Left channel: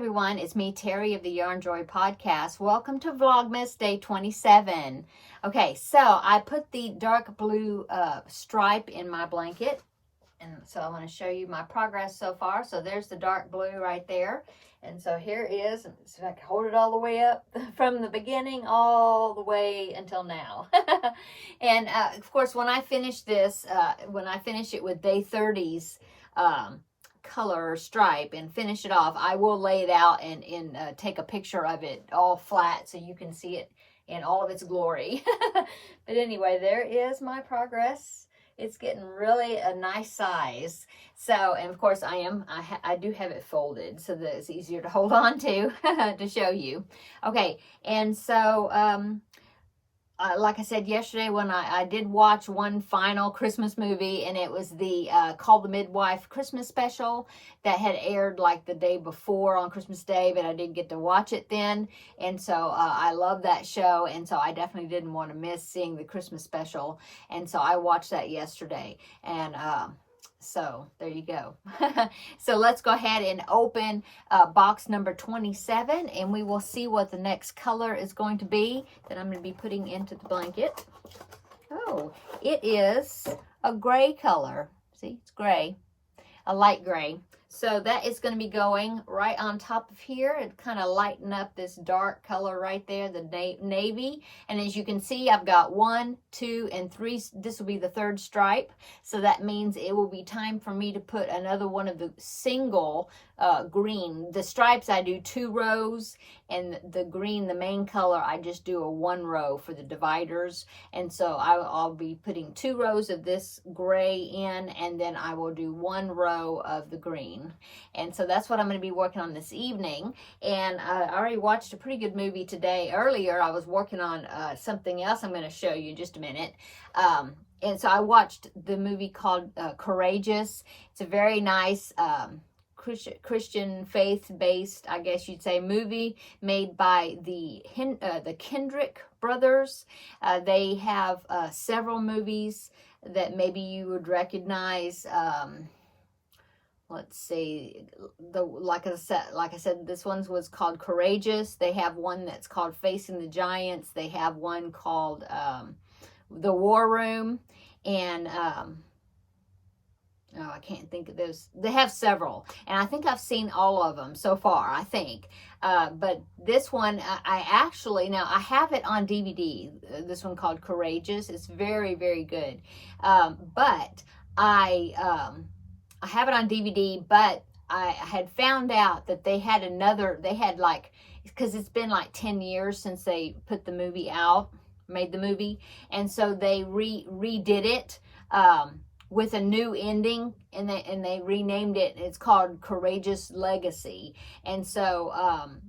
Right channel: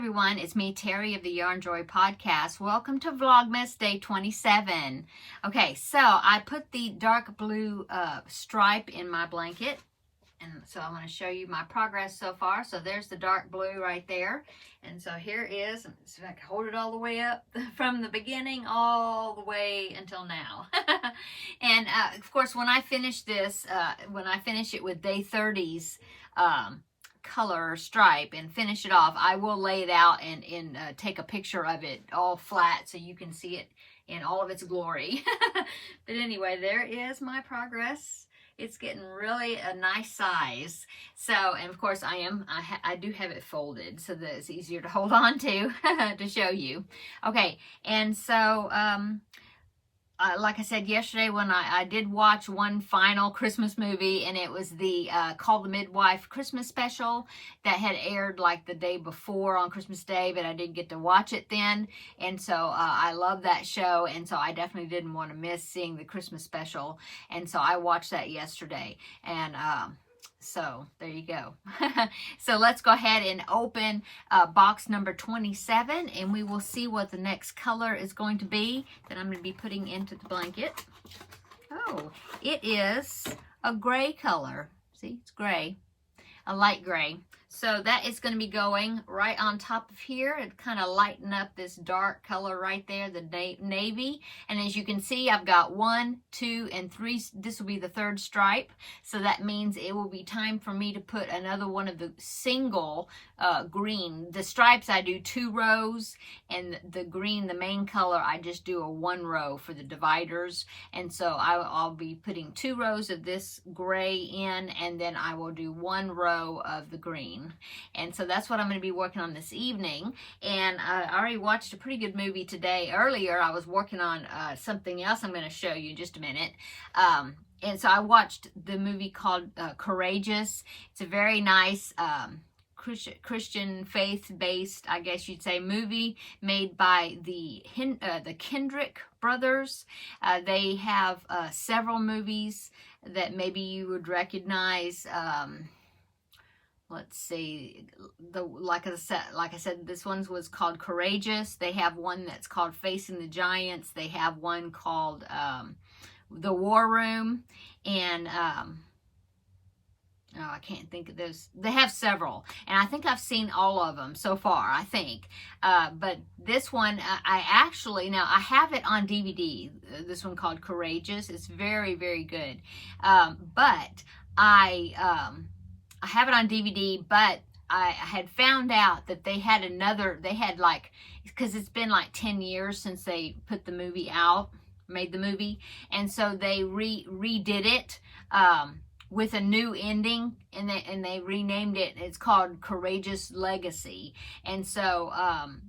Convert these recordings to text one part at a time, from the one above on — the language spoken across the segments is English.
everyone, it's me, Terry of the Yarn Joy Podcast. Welcome to Vlogmas Day 27. Okay, so I put the dark blue stripe in my blanket, and so I want to show you my progress so far. So there's the dark blue right there, and so here is, so I can hold it all the way up from the beginning all the way until now. And of course, when I finish this, when I finish it with Day 30's color stripe and finish it off, I will lay it out and take a picture of it all flat so you can see it in all of its glory. But anyway, there is my progress. It's getting really a nice size. So, and of course I do have it folded so that it's easier to hold on to to show you. Okay, and so like I said yesterday, when I did watch one final Christmas movie, and it was the Call the Midwife Christmas special that had aired like the day before on Christmas Day, but I didn't get to watch it then. And so I love that show, and so I definitely didn't want to miss seeing the Christmas special. And so I watched that yesterday, and so there you go. So let's go ahead and open box number 27, and we will see what the next color is going to be that I'm going to be putting into the blanket. Oh, it is a gray color. See, it's gray, a light gray. So that is going to be going right on top of here and kind of lighten up this dark color right there, the navy. And as you can see, I've got 1, 2, and 3. This will be the third stripe. So that means it will be time for me to put another one of the single green. The stripes, I do 2 rows, and the green, the main color, I just do a 1 row for the dividers. And so I'll be putting 2 rows of this gray in, and then I will do 1 row of the green. And so that's what I'm going to be working on this evening. And I already watched a pretty good movie today. Earlier, I was working on something else I'm going to show you in just a minute. And so I watched the movie called Courageous. It's a very nice Christian faith-based, I guess you'd say, movie made by the Kendrick brothers. They have several movies that maybe you would recognize. Let's see, like I said, this one was called Courageous. They have one that's called Facing the Giants. They have one called The War Room, and oh, I can't think of those. They have several, and I think I've seen all of them so far, I think. But this one, I actually, now I have it on DVD, this one called Courageous. It's very, very good. But I have it on DVD, but I had found out that they had like, because it's been like 10 years since they put the movie out, made the movie, and so they redid it with a new ending, and they renamed it. It's called Courageous Legacy. And so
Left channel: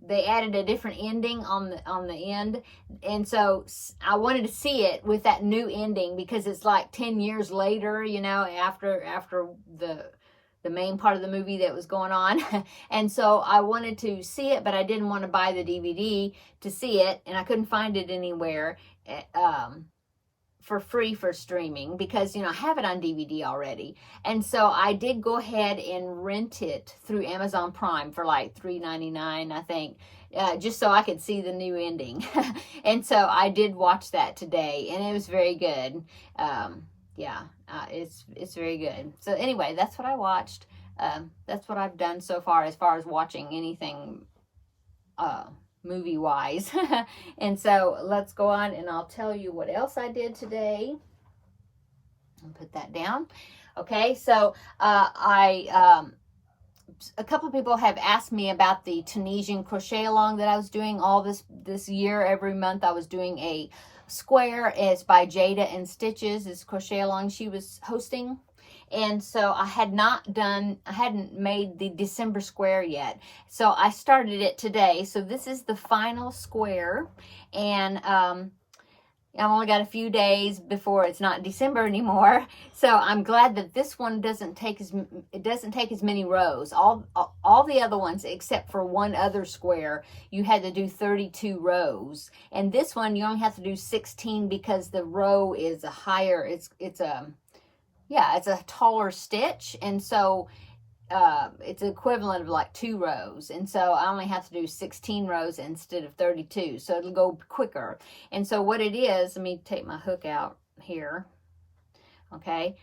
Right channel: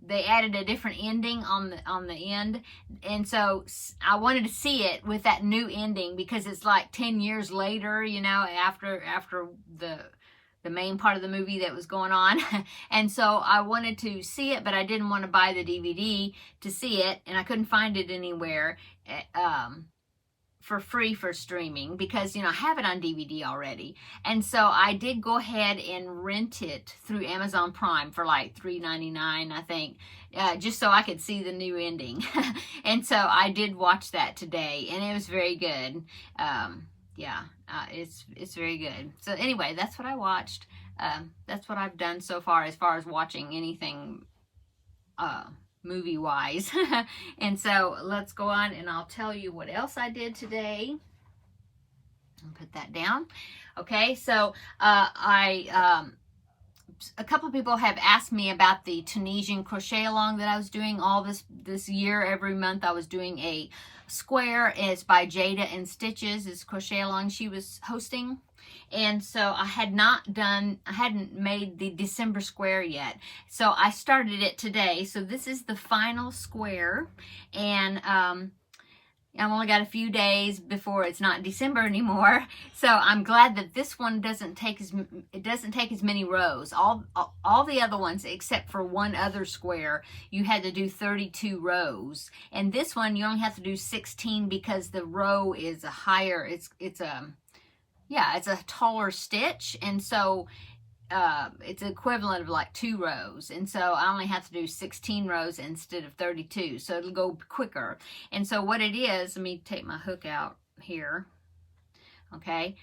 they added a different ending on the end, and so I wanted to see it with that new ending because it's like 10 years later, you know, after the main part of the movie that was going on. And so I wanted to see it, but I didn't want to buy the DVD to see it, and I couldn't find it anywhere for free for streaming because, you know, I have it on DVD already. And so I did go ahead and rent it through Amazon Prime for like $3.99, I think, just so I could see the new ending. And so I did watch that today, and it was very good. Yeah, it's very good. So anyway, that's what I watched. That's what I've done so far as watching anything movie wise. And so let's go on, and I'll tell you what else I did today. I'll put that down. Okay, so a couple of people have asked me about the Tunisian crochet along that I was doing all this year. Every month I was doing a square. It's by Jada and Stitches. It's crochet along she was hosting. And so I hadn't made the December square yet. So I started it today. So this is the final square. And I've only got a few days before it's not December anymore. So I'm glad that this one doesn't take as many rows. All the other ones, except for one other square, you had to do 32 rows. And this one you only have to do 16 because the row is a higher, it's a taller stitch. And so it's equivalent of like 2 rows. And so I only have to do 16 rows instead of 32. So it'll go quicker. And so what it is, let me take my hook out here. Okay.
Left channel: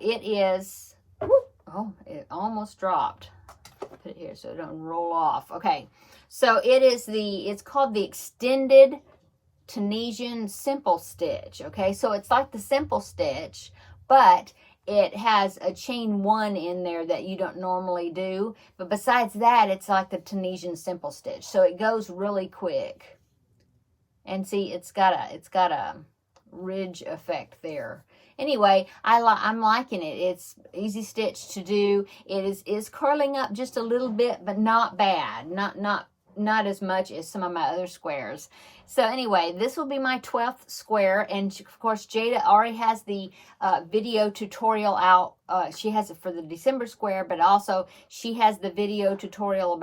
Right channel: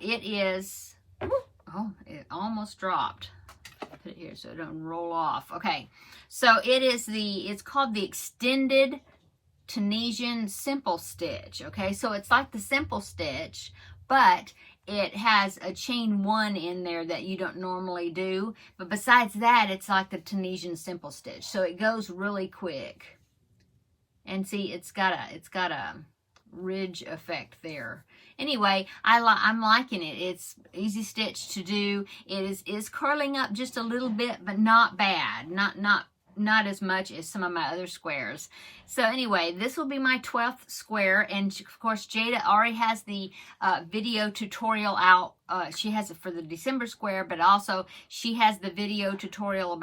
It is, oh, it almost dropped. Put it here so it don't roll off. Okay. So it is it's called the Extended Tunisian Simple Stitch. Okay. So it's like the simple stitch, but it has a chain 1 in there that you don't normally do. But besides that, it's like the Tunisian Simple Stitch. So it goes really quick. And see, it's got a ridge effect there. Anyway, I'm liking it. It's easy stitch to do. It is curling up just a little bit, but not bad. Not as much as some of my other squares. So anyway, this will be my 12th square, and of course Jada already has the video tutorial out. She has it for the December square, but also she has the video tutorial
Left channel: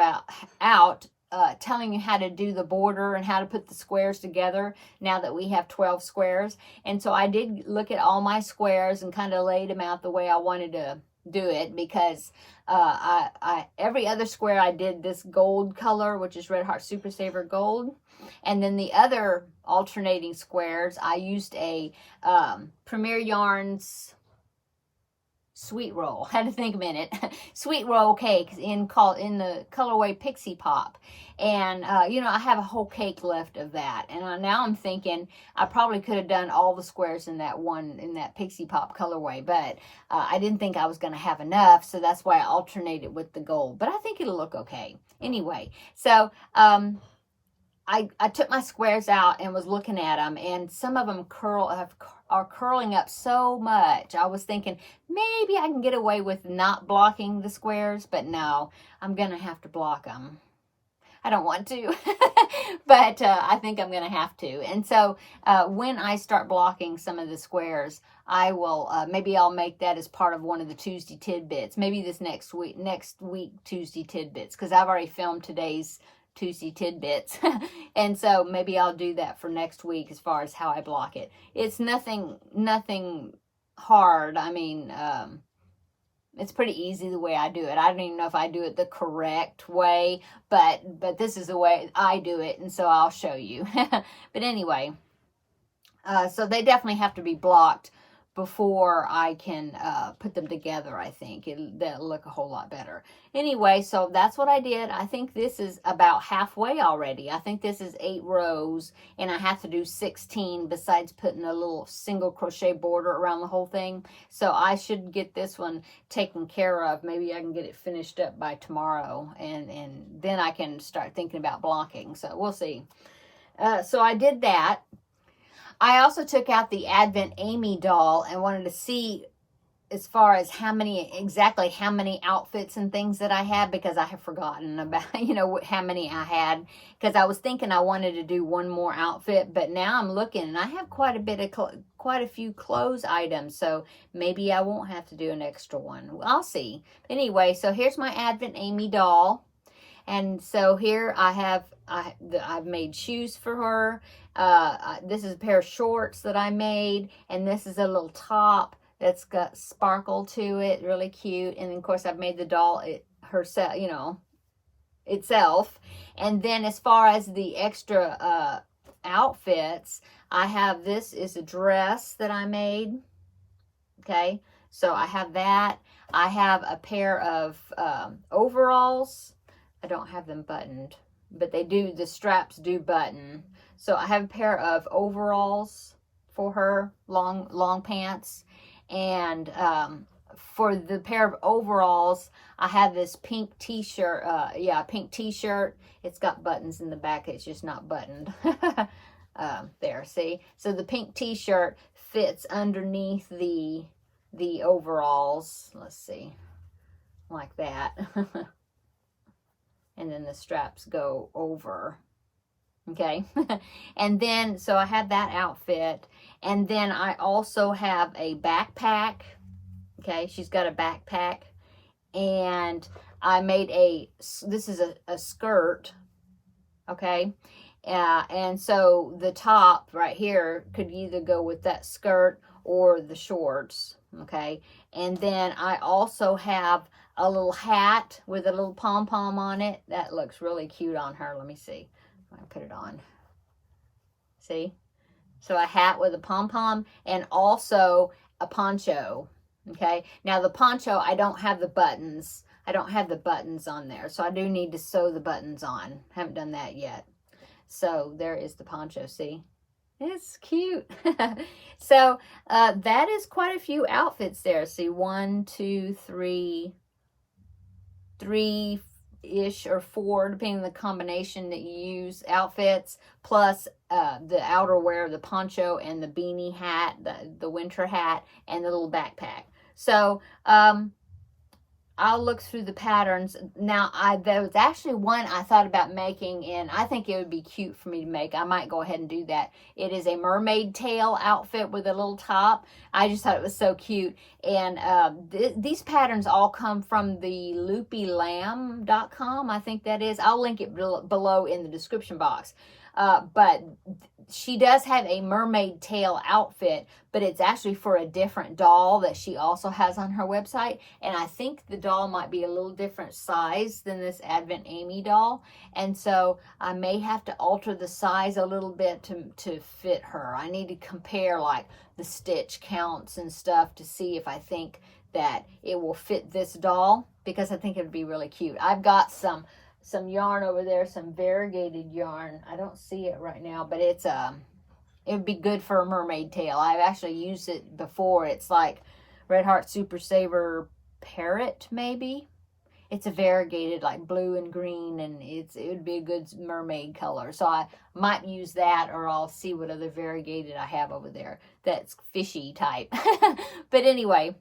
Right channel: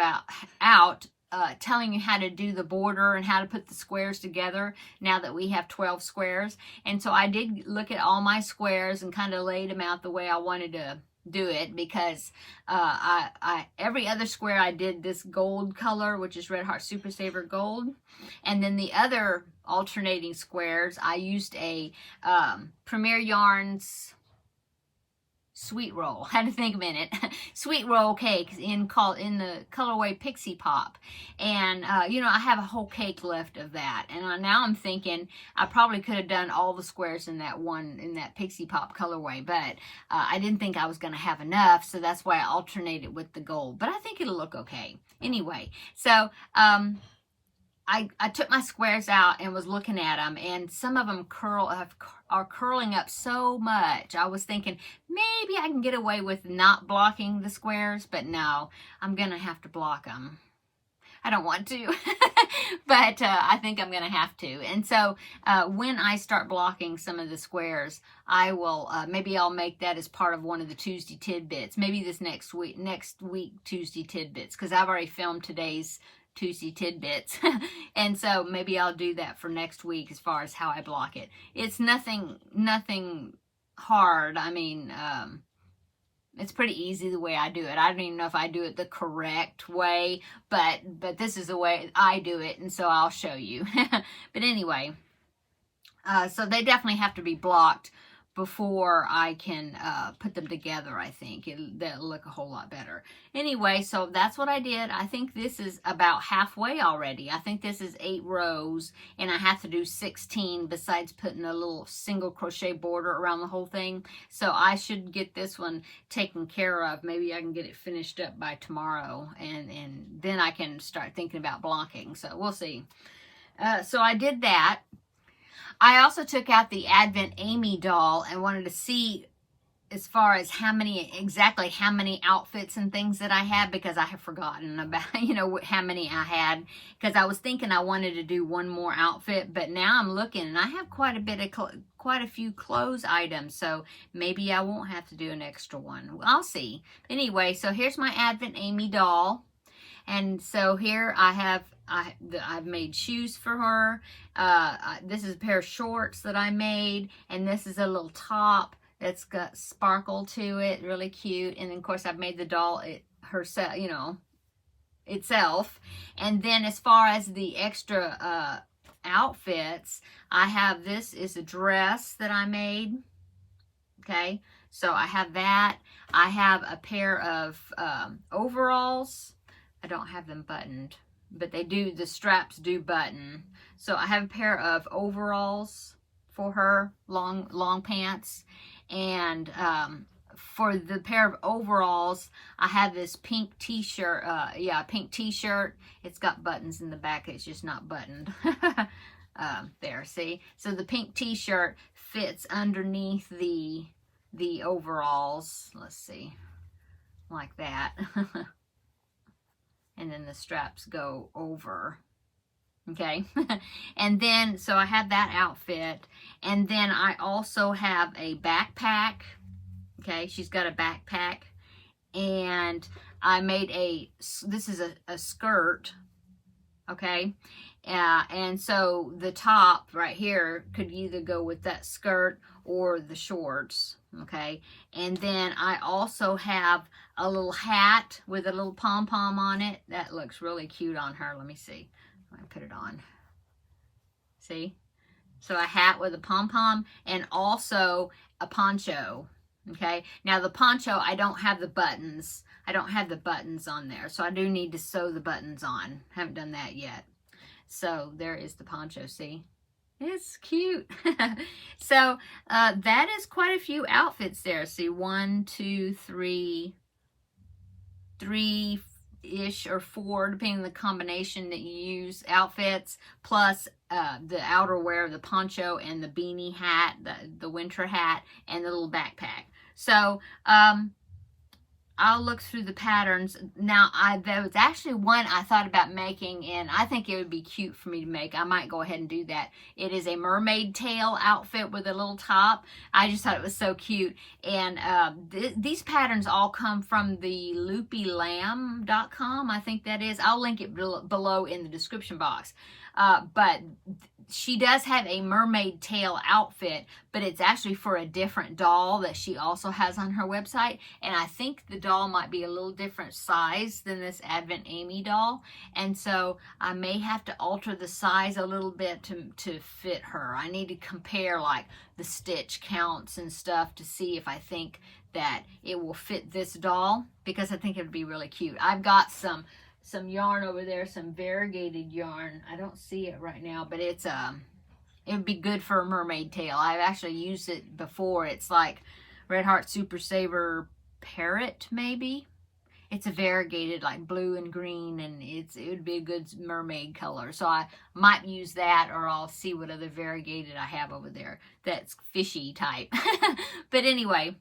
telling you how to do the border and how to put the squares together now that we have 12 squares. And so I did look at all my squares and kind of laid them out the way I wanted to do it, because every other square I did this gold color, which is Red Heart Super Saver Gold, and then the other alternating squares I used a Premier Yarns Sweet Roll. Had to think a minute. Sweet Roll cake in the colorway Pixie Pop. And you know, I have a whole cake left of that, and now I'm thinking I probably could have done all the squares in that Pixie Pop colorway, but I didn't think I was going to have enough, so that's why I alternated with the gold. But I think it'll look okay anyway. So I took my squares out and was looking at them, and some of them are curling up so much. I was thinking maybe I can get away with not blocking the squares, but no, I'm going to have to block them. I don't want to, but I think I'm going to have to. And so when I start blocking some of the squares, I will, maybe I'll make that as part of one of the Tuesday tidbits. Maybe this next week Tuesday tidbits, because I've already filmed today's Tuesday tidbits. And so maybe I'll do that for next week as far as how I block it. It's nothing hard. I mean, it's pretty easy the way I do it. I don't even know if I do it the correct way, but this is the way I do it, and so I'll show you. But anyway, so they definitely have to be blocked before I can put them together. I think they'll look a whole lot better. Anyway, so that's what I did. I think this is about halfway already. I think this is 8 rows, and I have to do 16 besides putting a little single crochet border around the whole thing. So I should get this one taken care of. Maybe I can get it finished up by tomorrow, and then I can start thinking about blocking. So we'll see. So I did that. I also took out the Advent Amy doll and wanted to see as far as exactly how many outfits and things that I had, because I have forgotten about, you know, how many I had, because I was thinking I wanted to do one more outfit, but now I'm looking and I have quite a few clothes items, so maybe I won't have to do an extra one. I'll see. Anyway, so here's my Advent Amy doll. And so here I've made shoes for her. This is a pair of shorts that I made, and this is a little top that's got sparkle to it, really cute. And of course I've made the doll herself, you know, itself. And then as far as the extra outfits, this is a dress that I made. Okay, so I have that. I have a pair of overalls. I don't have them buttoned, but the straps do button. So I have a pair of overalls for her, long pants. And for the pair of overalls, I have this pink t-shirt. Pink t-shirt. It's got buttons in the back. It's just not buttoned. There, see? So the pink t-shirt fits underneath the overalls. Let's see. Like that. And then the straps go over. Okay. And then, so I have that outfit. And then I also have a backpack. Okay. She's got a backpack. And I made this is a skirt. Okay. And so the top right here could either go with that skirt or the shorts. Okay. And then I also have a little hat with a little pom-pom on it. That looks really cute on her. Let me see. I put it on. See? So a hat with a pom-pom and also a poncho. Okay. Now the poncho, I don't have the buttons. I don't have the buttons on there. So I do need to sew the buttons on. Haven't done that yet. So there is the poncho. See? It's cute. So that is quite a few outfits there. See, 1, 2, 3, 3-ish or 4, depending on the combination that you use, outfits, plus the outerwear, the poncho and the beanie hat, the winter hat, and the little backpack. So I'll look through the patterns. Now, there was actually one I thought about making, and I think it would be cute for me to make. I might go ahead and do that. It is a mermaid tail outfit with a little top. I just thought it was so cute. And these patterns all come from the loopylamb.com, I think that is. I'll link it below in the description box. But she does have a mermaid tail outfit, but it's actually for a different doll that she also has on her website. And I think the doll might be a little different size than this Advent Amy doll. And so I may have to alter the size a little bit to fit her. I need to compare like the stitch counts and stuff to see if I think that it will fit this doll, because I think it would be really cute. I've got some yarn over there, some variegated yarn. I don't see it right now, but it's it would be good for a mermaid tail. I've actually used it before. It's like Red Heart Super Saver Parrot, maybe. It's a variegated, like blue and green, and it would be a good mermaid color. So I might use that, or I'll see what other variegated I have over there that's fishy type. But anyway,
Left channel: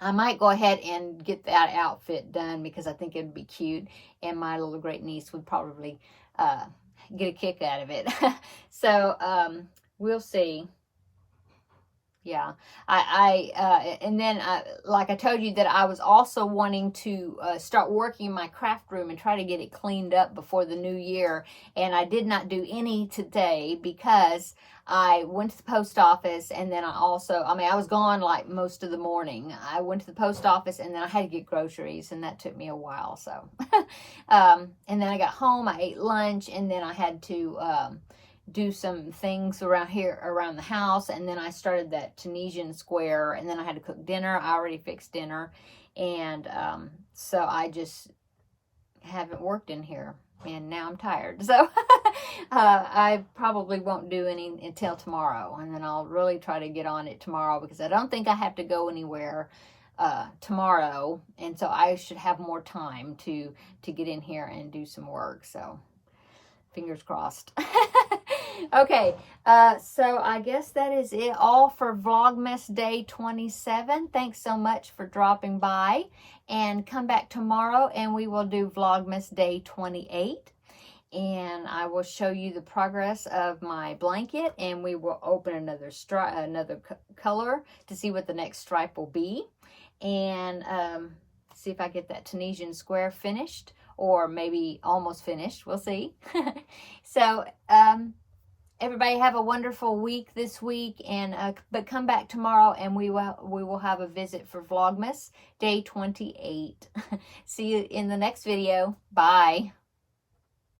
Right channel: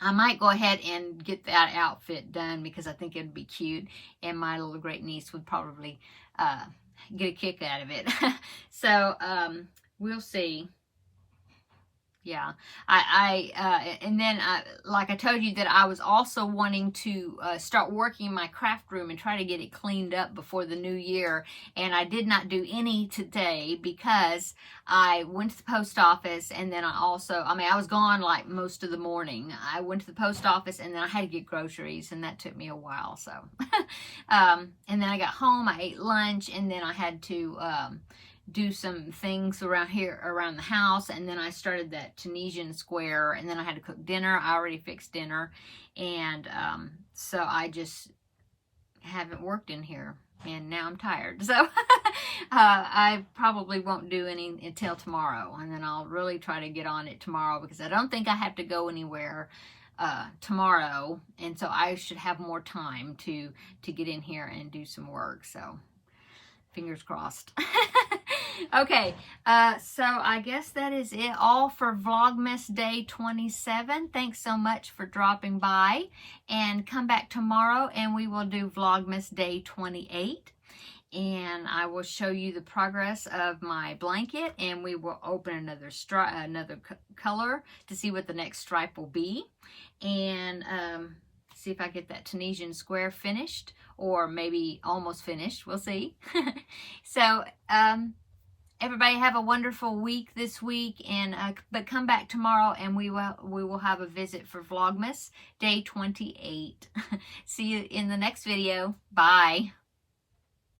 I might go ahead and get that outfit done because I think it'd be cute, and my little great niece would probably get a kick out of it. So we'll see. Yeah, and then like I told you that I was also wanting to start working in my craft room and try to get it cleaned up before the new year. And I did not do any today because I went to the post office, and then I was gone like most of the morning. I went to the post office, and then I had to get groceries, and that took me a while. So, and then I got home, I ate lunch, and then I had to do some things around the house, and then I started that Tunisian square, and then I had to cook dinner. I already fixed dinner, and so I just haven't worked in here, and now I'm tired. So I probably won't do any until tomorrow, and then I'll really try to get on it tomorrow, because I don't think I have to go anywhere tomorrow, and so I should have more time to get in here and do some work. So fingers crossed. Okay, so I guess that is it all for Vlogmas Day 27. Thanks so much for dropping by, and come back tomorrow and we will do Vlogmas Day 28. And I will show you the progress of my blanket, and we will open another color to see what the next stripe will be, and see if I get that Tunisian square finished, or maybe almost finished. We'll see. So everybody have a wonderful week this week, and but come back tomorrow and we will have a visit for Vlogmas Day 28. See you in the next video. Bye.